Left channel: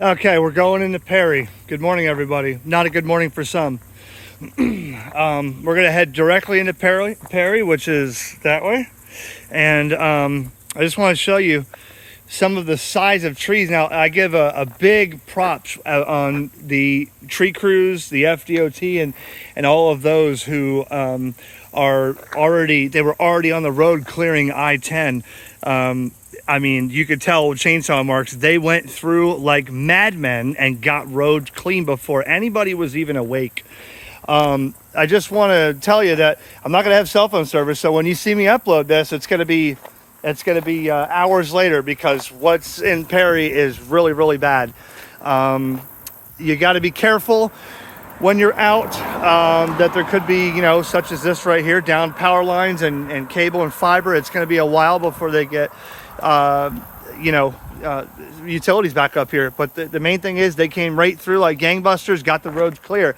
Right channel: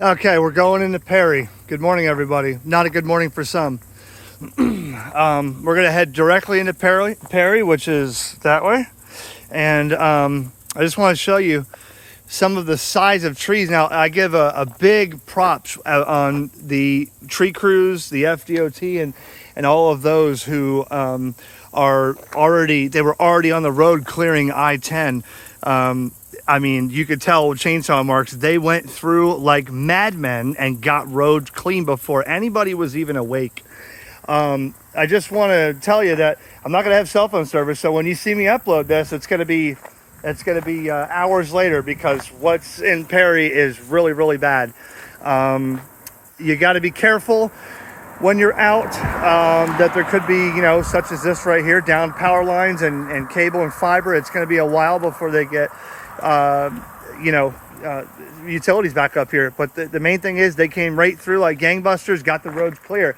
Okay, we're going into Perry. Good morning, everybody. Not a good morning for some. We're gonna head directly into Perry, which is that way. And I just want to show you some of the size of trees. Now, I give a big props on the tree crews, the FDOT, and all of those who were already on the road clearing I-10. I mean, you could tell with chainsaw marks, they went through like madmen and got roads clean before anybody was even awake. I just want to tell you that I'm not going to have cell phone service, so when you see me upload this, it's going to be hours later, because what's in Perry is really, really bad. You got to be careful when you're out, that there could be, such as this right here, down power lines and cable and fiber. It's going to be a while before they get utilities back up here. But the main thing is they came right through like gangbusters, got the roads clear.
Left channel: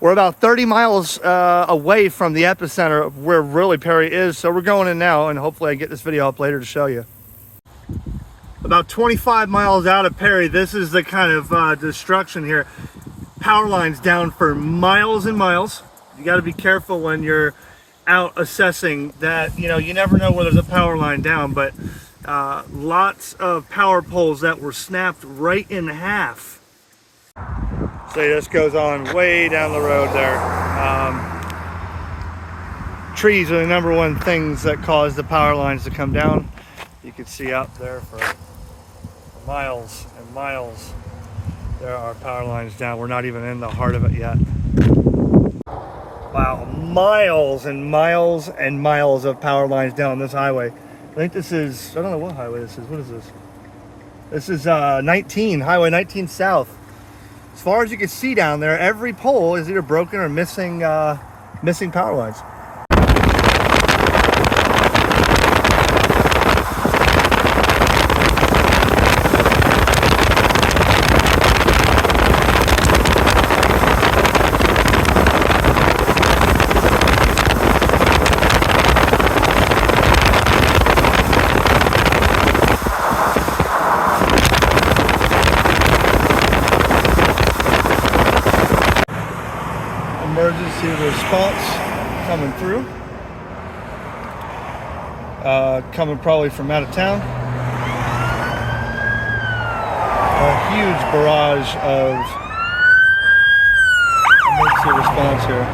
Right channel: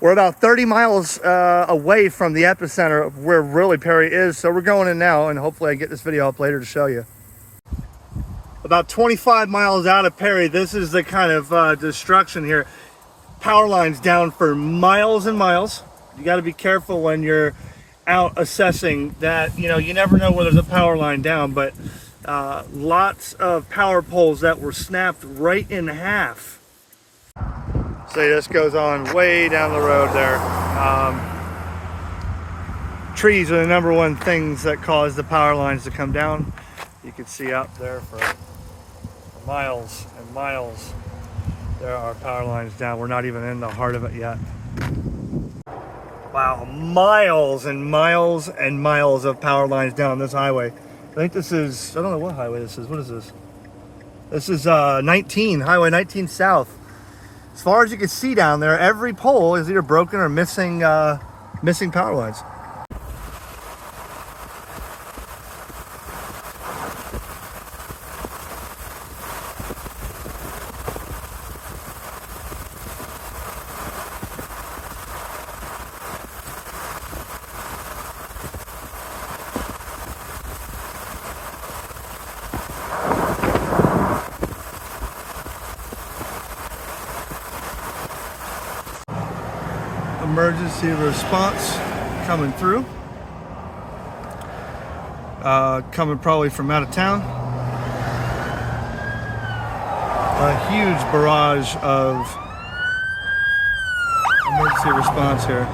We're about 30 miles away from the epicenter of where really Perry is. So we're going in now, and hopefully I get this video up later to show you. About 25 miles out of Perry, this is the kind of destruction here. Power lines down for miles and miles. You got to be careful when you're out assessing that. You never know where there's a power line down, but lots of power poles that were snapped right in half. So this goes on way down the road there. Trees are the number one things that cause the power lines to come down. You can see out there for miles and miles, there are power lines down. We're not even in the heart of it yet. Wow, miles and miles and miles of power lines down this highway. I think this is, I don't know what highway this is. What is this? This is Highway 19 South. As far as you can see down there, every pole is either broken or missing power lines. Emergency response coming through. Coming probably from out of town. A huge barrage of emergency response here.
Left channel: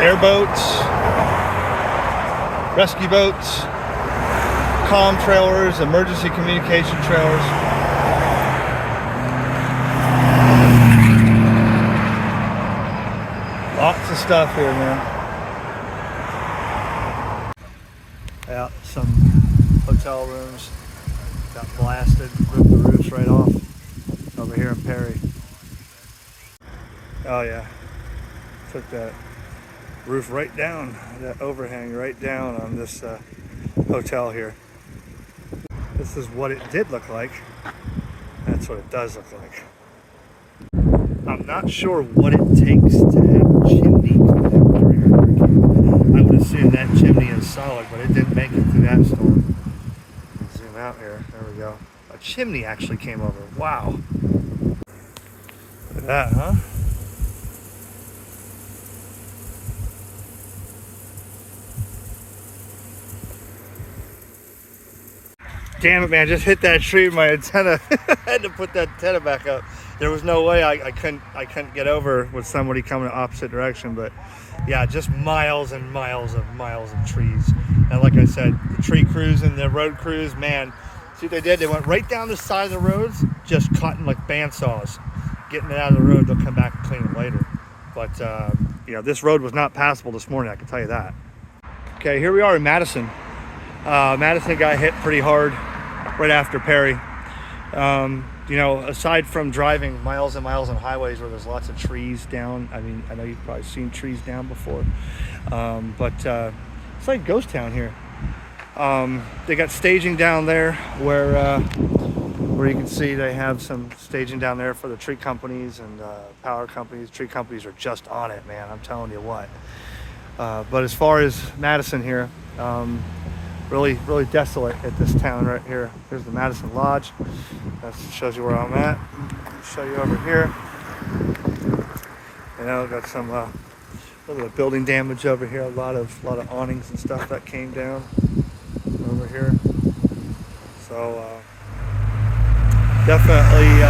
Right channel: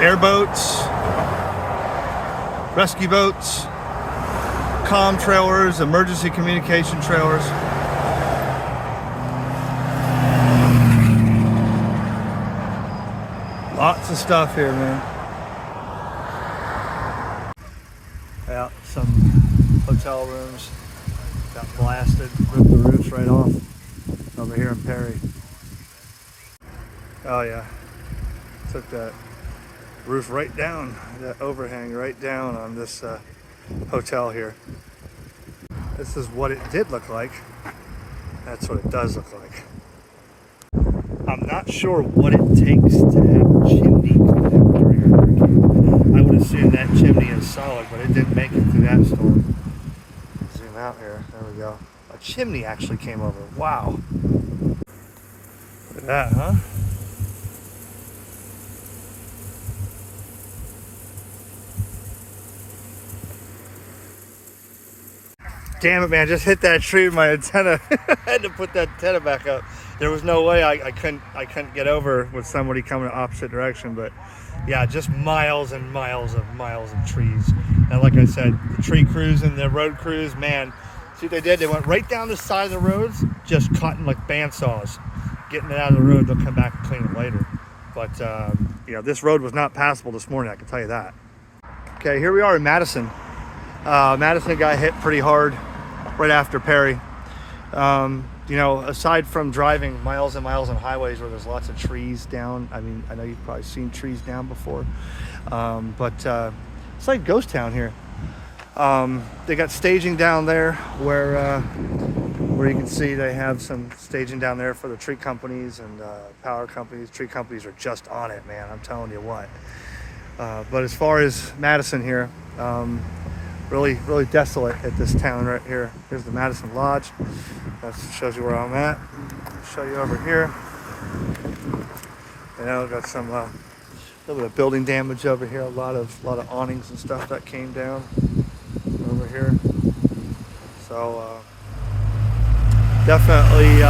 Airboats, rescue boats, comm trailers, emergency communication trailers. Lots of stuff here, man. Yeah, some hotel rooms got blasted, ripped the roofs right off over here in Perry. Oh yeah, took that roof right down, that overhang right down on this hotel here. This is what it did look like. That's what it does look like. I'm not sure what it takes to have a chimney come down during a hurricane. I would assume that chimney is solid, but it didn't make it through that storm. Zoom out here. There we go. A chimney actually came over. Wow. Look at that, huh? Damn it, man, I just hit that tree with my antenna. I had to put that antenna back up. There was no way I couldn't get over with somebody coming the opposite direction. But yeah, just miles and miles of trees. And like I said, the tree crews and the road crews, man, see what they did? They went right down the side of the roads, just cutting like bandsaws, getting it out of the road. They'll come back and clean it later. But this road was not passable this morning, I can tell you that. Okay, here we are in Madison. Madison got hit pretty hard right after Perry. Aside from driving miles and miles on highways where there's lots of trees down, I mean, I know you've probably seen trees down before, but it's like ghost town here. They got staging down there where you can see they have some staging down there for the tree companies and power companies. Tree companies are just on it, man, I'm telling you what. But as far as Madison here, really, really desolate at this town right here. Here's the Madison Lodge. That shows you where I'm at. I'll show you over here. You know, got some little bit of building damage over here. A lot of awnings and stuff that came down over here. So definitely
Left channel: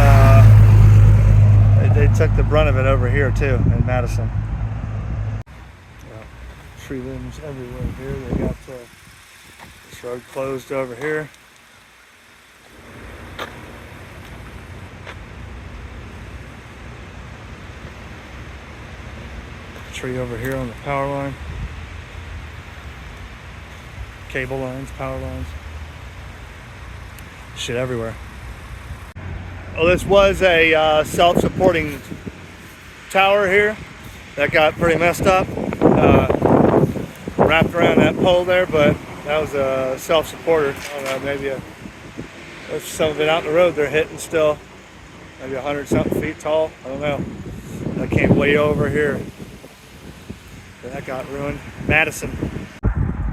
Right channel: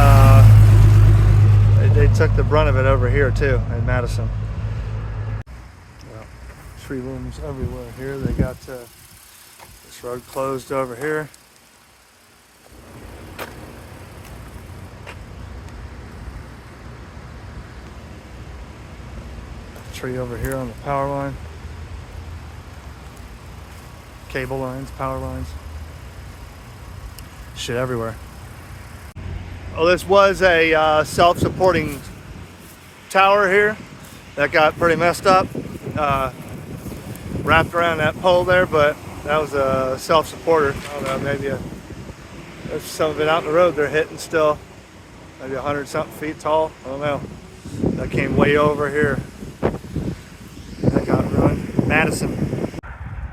they took the brunt of it over here too in Madison. Tree limbs everywhere here. They got this road closed over here. Tree over here on the power line. Cable lines, power lines. Shit everywhere. Well, this was a self-supporting tower here that got pretty messed up. Wrapped around that pole there, but that was a self-supporter. I don't know, maybe there's some of it out in the road they're hitting still. Maybe 100-something feet tall. I don't know. That came way over here. That got ruined. Madison.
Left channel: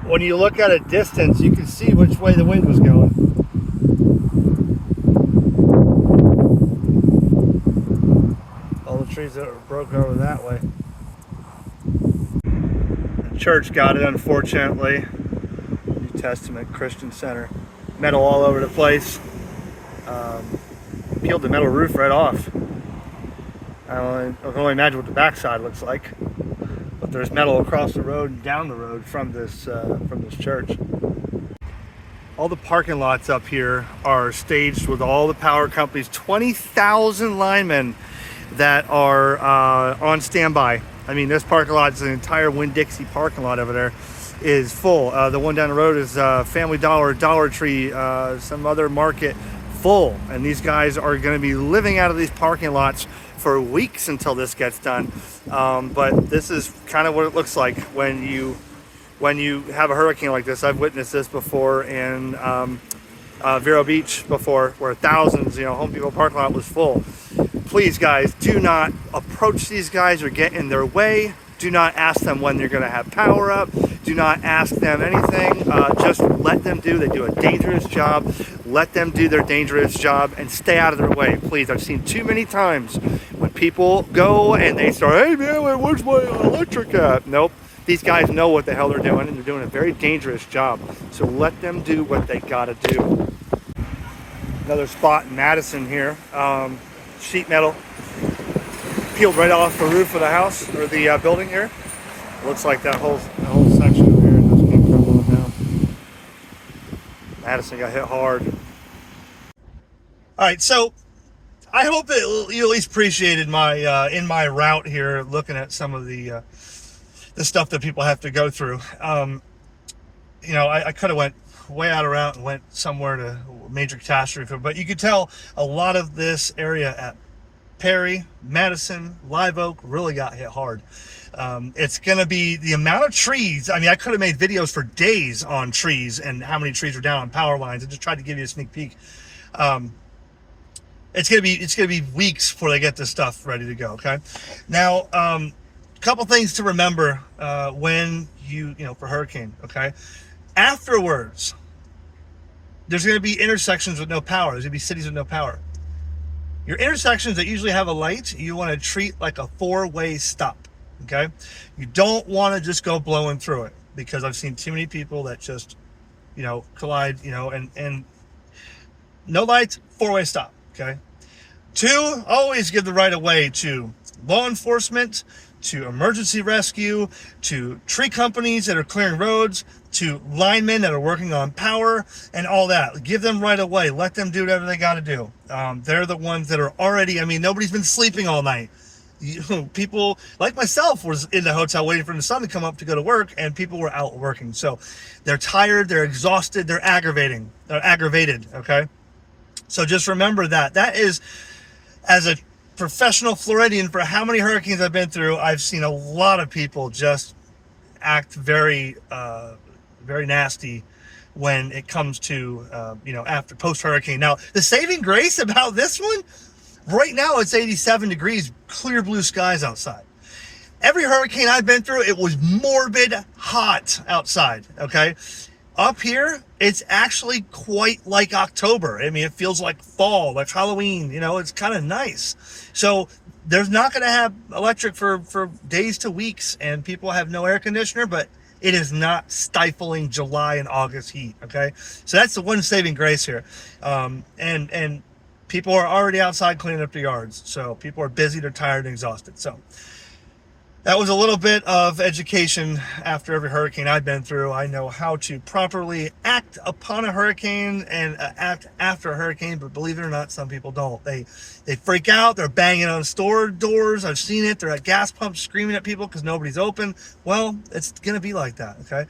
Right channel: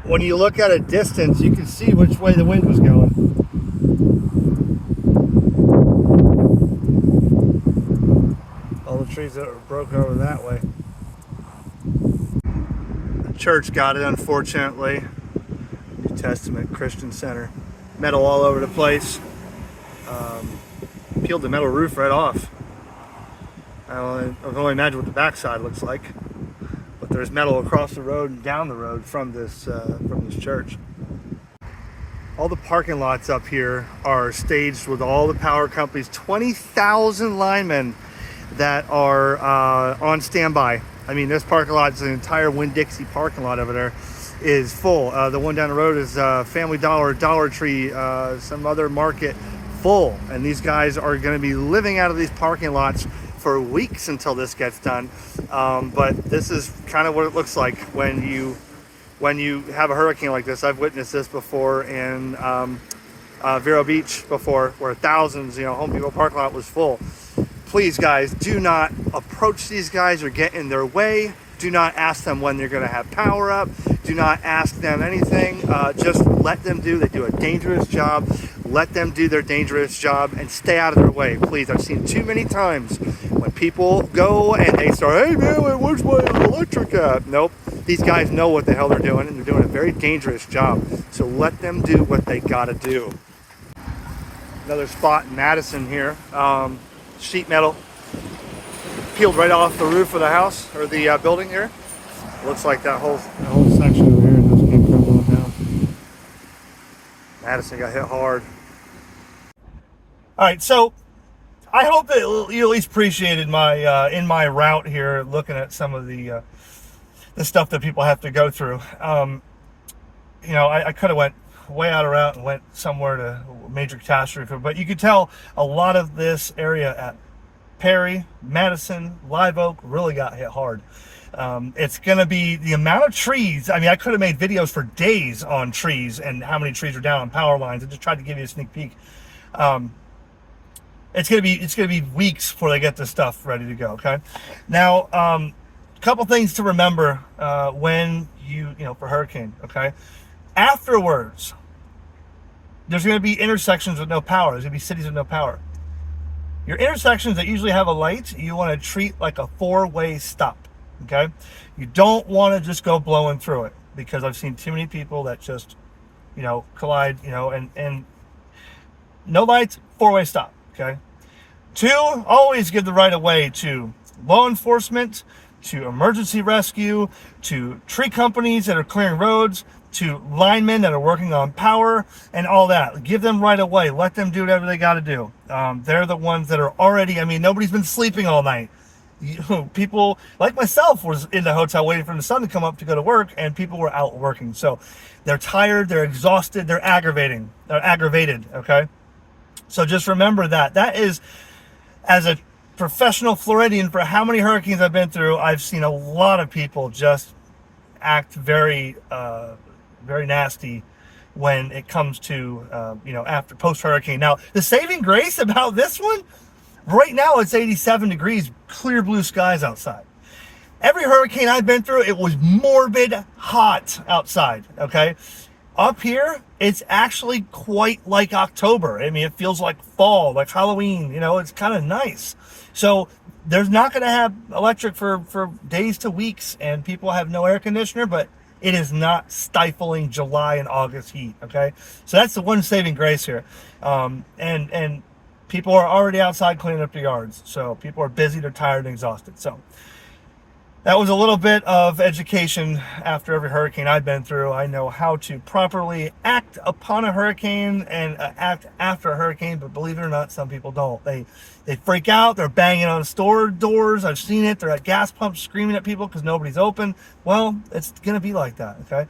When you look at a distance, you can see which way the wind was going. All the trees that were broke over that way. The church got it, unfortunately. New Testament Christian Center. Metal all over the place. Peeled the metal roof right off. I can only imagine what the backside looks like. But there's metal across the road and down the road from this church. All the parking lots up here are staged with all the power companies. 20,000 linemen that are on standby. I mean, this parking lot is an entire Winn-Dixie parking lot over there is full. The one down the road is Family Dollar, Dollar Tree, some other market, full. And these guys are going to be living out of these parking lots for weeks until this gets done. But this is kind of what it looks like when you have a hurricane like this. I've witnessed this before in Vero Beach before, where thousands, Home Depot parking lot was full. Please, guys, do not approach these guys or get in their way. Do not ask them when they're going to have power up. Do not ask them anything. Just let them do. They do a dangerous job. Let them do their dangerous job and stay out of their way, please. I've seen too many times when people go and they start, hey man, where's my electric at? Nope. These guys know what the hell they're doing, and they're doing a very dangerous job. So let them do what they gotta do. Another spot in Madison here. Sheet metal peeled right off the roof of the house or the building here. Looks like that whole section over here just came crumbling down. Madison got hit hard. All right, so I hope that you at least appreciated my in my route here, looking at some of the stuff that people have to go through. I could have went way out of route and went somewhere to major catastrophe, but you could tell a lot of this area at Perry, Madison, Live Oak really got hit hard. It's going to be the amount of trees. I mean, I could have made videos for days on trees and how many trees are down on power lines. I just tried to give you a sneak peek. It's going to be weeks before they get this stuff ready to go. Okay. Now, a couple things to remember when for hurricane. Okay. Afterwards, there's going to be intersections with no power. There's going to be cities with no power. Your intersections that usually have a light, you want to treat like a four-way stop. Okay, you don't want to just go blowing through it, because I've seen too many people that just, collide, and no lights, four-way stop. Okay. 2, always give the right of way to law enforcement, to emergency rescue, to tree companies that are clearing roads, to linemen that are working on power and all that. Give them right of way. Let them do whatever they got to do. They're the ones that are already, nobody's been sleeping all night. People like myself was in the hotel waiting for the sun to come up to go to work, and people were out working. So they're tired, they're exhausted, they're aggravated. Okay. So just remember that is, as a professional Floridian, for how many hurricanes I've been through, I've seen a lot of people just act very, very nasty when it comes to, after post-hurricane. Now, the saving grace about this one, right now it's 87 degrees, clear blue skies outside. Every hurricane I've been through, it was morbid hot outside, okay? Up here, it's actually quite like October. I mean, it feels like fall, like Halloween. It's kind of nice. So there's not going to have electric for days to weeks, and people have no air conditioner, but it is not stifling July and August heat. Okay, so that's the one saving grace here. And people are already outside cleaning up their yards, so people are busy, they're tired and exhausted. So that was a little bit of education after every hurricane I've been through. I know how to properly act upon a hurricane and act after a hurricane, but believe it or not, some people don't. They freak out. They're banging on store doors. I've seen it. They're at gas pumps screaming at people because nobody's open. Well, it's going to be like that, okay?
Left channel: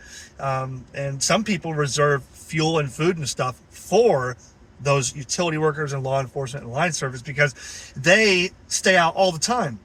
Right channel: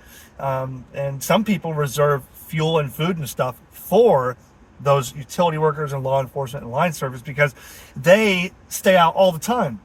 And some people reserve fuel and food and stuff for those utility workers and law enforcement and line service because they stay out all the time.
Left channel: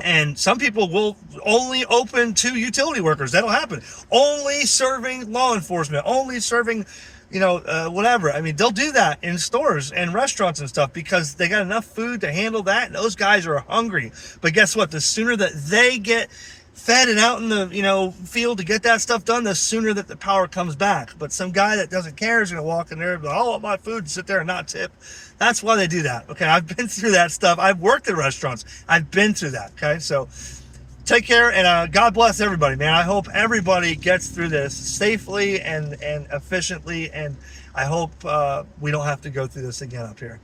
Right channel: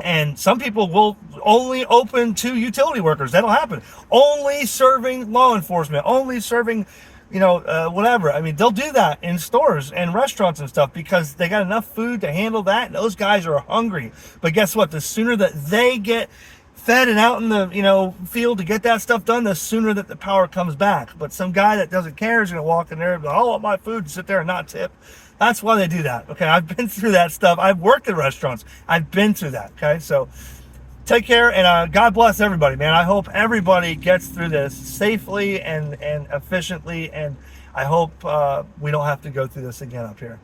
And some people will only open to utility workers. That'll happen. Only serving law enforcement, only serving, whatever. I mean, they'll do that in stores and restaurants and stuff because they got enough food to handle that. And those guys are hungry. But guess what? The sooner that they get fed and out in the, field to get that stuff done, the sooner that the power comes back. But some guy that doesn't care is going to walk in there and go, I want my food to sit there and not tip. That's why they do that. Okay, I've been through that stuff. I've worked in restaurants. I've been through that. Okay, so take care and God bless everybody, man. I hope everybody gets through this safely and efficiently, and I hope we don't have to go through this again up here.